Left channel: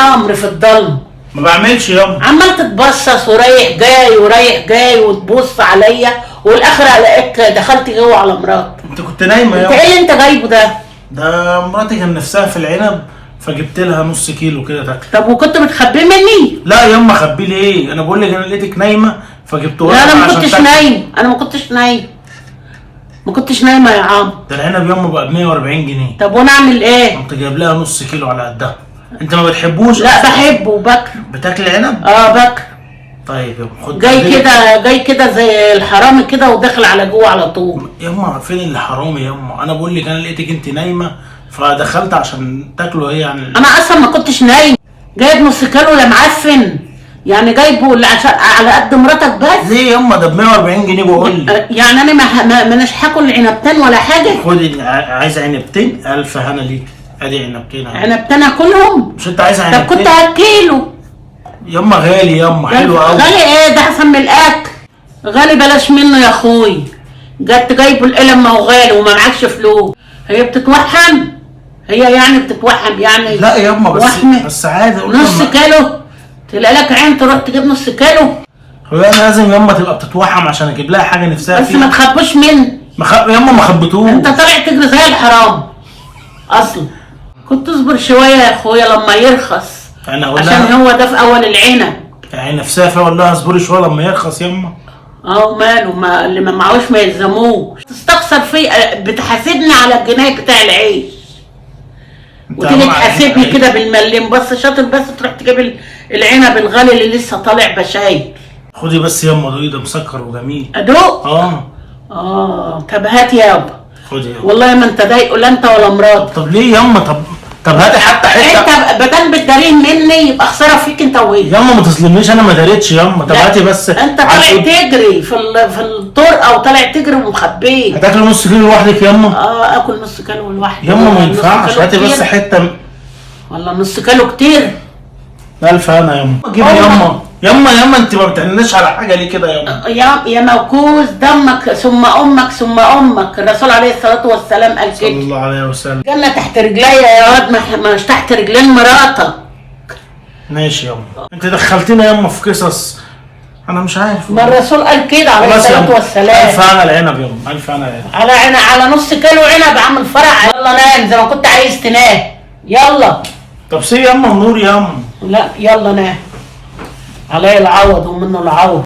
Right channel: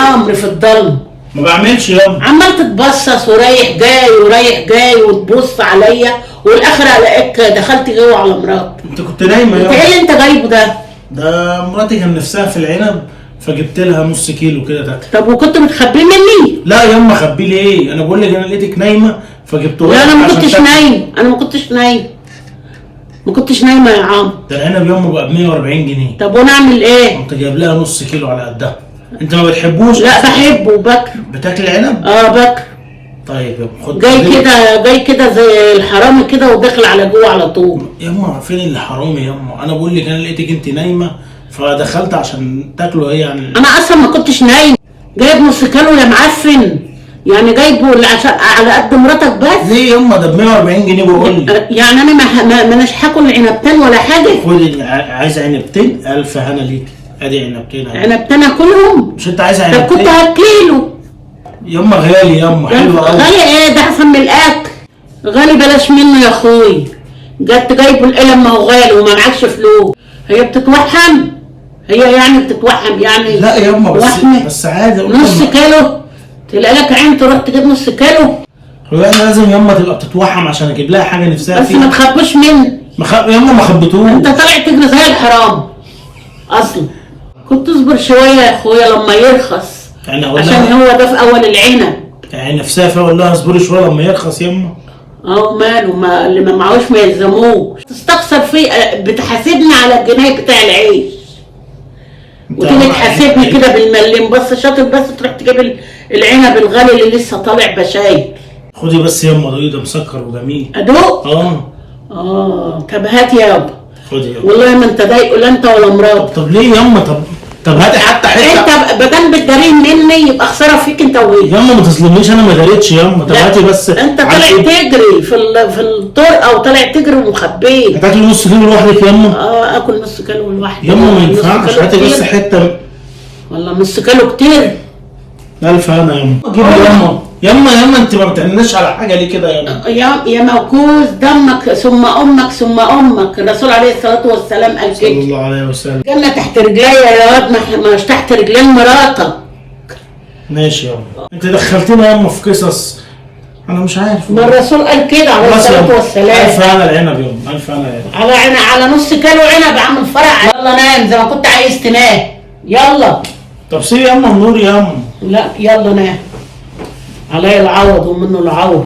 عمرو في الضلمه. ما بعملش ياما. عمال تتبصص ورايح جاي ورايح جاي وتبص عليا، والاخر الاقيك دخلت جوه على مراتك. انت كنت نايمه انت ياما. ايه اللي انت جايبه ده؟ ده مراتي كان نفسها في العنب فجبت لها نص كيلو كده تاكل. طب وكنت بتخبيه مني؟ لا ياما خبيه ليه؟ انا بقول لك انا لقيتك نايمه فجبته لها. لا انا ما عشان كنتش تاكل. نايم، انا ما كنتش نايم، ما كنتش نايمه يا عم. ده العنب ياما بقى ب 140 جنيه. طب وانا اعمل ايه؟ قمت جايب لها نص كيلو على قدها. انت ما بتحبوش؟ لا بحبه وباكله. بتاكل عنب؟ باكله. طيب ياما خد جاي كده زي الحرامي كده وداخل على جوه على طول. ياما فين اللي حرامي ياما؟ انا بقول لك انا لقيتك انت نايمه فدخلت عشان تاكلوا هي يعني. انا اصلا ما كنتش نايم، جايب نص كيلو يا معفن، يعني جايبه عشان على قد مراتك بس. ليه ياما؟ ده ب 140 جنيه بقول لك. يعني انا مش هاكل عنبتين ولا حاجه. خد عايز عنبتين، الف هنا ليك. ادي عنبتين اهو. عنبتين اكلهم؟ مش انت عايز طب عنبتين؟ كنت هاكله. ياما غالي ياما، حلو قوي. غالي ايه ده؟ احسن من الاكل. غالي بلاش منه يا اخوي. جت جايبه القلم، ما هو غالي وما معكش فلوس. هي بتتوحم؟ هي يعني بتتوحم يعني؟ لا ياما وحمة. بس عادي. نص كيلو؟ تلاقي لك عين تروح تجيب نص كيلو؟ هو انا لازم ياما تبقى بتتوحم عشان اجيب لها حاجه نفسها بس فيها؟ ما تخبوش مني. ياما ما خبطوش. انت طالع تجري زي الحرام اصلا. كنت تصبر شويه يا اخويا لما يرخص، يعني اقول عشان لها هو ده في اول العنب. يعني نفسها فيها، اقول لها اصبري شويه لما يرخص ياما. ماله، ما اللي ما معهوش ما يلزموش. تستخسر فيه، بتحاسبني على الجنيه بتاع العيش وتيجي تحاسبني كده بالمليم. بس شاطر، بس تروح تجيب العنب الغالي اللي لسه طالع بشاير. خدي بس ياما، ده مسكر وجميل. ادوق؟ طب هات يابا. خدي ياما. والله ما انت ضايقه لا انت ولا مراتك. طب ليه ياما؟ طب هاتي حتى حته. انت بدل بتدارين مني يبقى خساره فيك انت وهي. ياما ما تظلمنيش، انا ما داريتش ياما. طب هاتي بس. انت طالع تجري في الطرقه وطالع تجري ومخبيه. هتاكل نص كيلو لوحدك ياما؟ اكل نص كيلو لوحدي ياما ما ينفعش. هاتي بس حته. والله نص كيلو كتير. الف انا ياما. جيبي ياما انت ما بتعنيش على حاجه ليه كده ياما؟ يا موكوس دمك ثم امك ثم امك. الرسول عليه الصلاه والسلام قال صلى كده. الله عليه وسلم. الجنه تحت رجليا يا واد، مش تحت رجلين مراتك. ماشي ياما. انت دخلتينا ياما في قصص انا مش عارف. ما الرسول قال كده عليه الصلاه والسلام. الف انا العنب ياما، الف انا العنب. على نص كيلو عنب عامل فرع. يلا نام زي ما كنت عايز تنام. يلا. طب سيب ياما النور ياما. لا يلا نام. علي العوض ومنه العوض.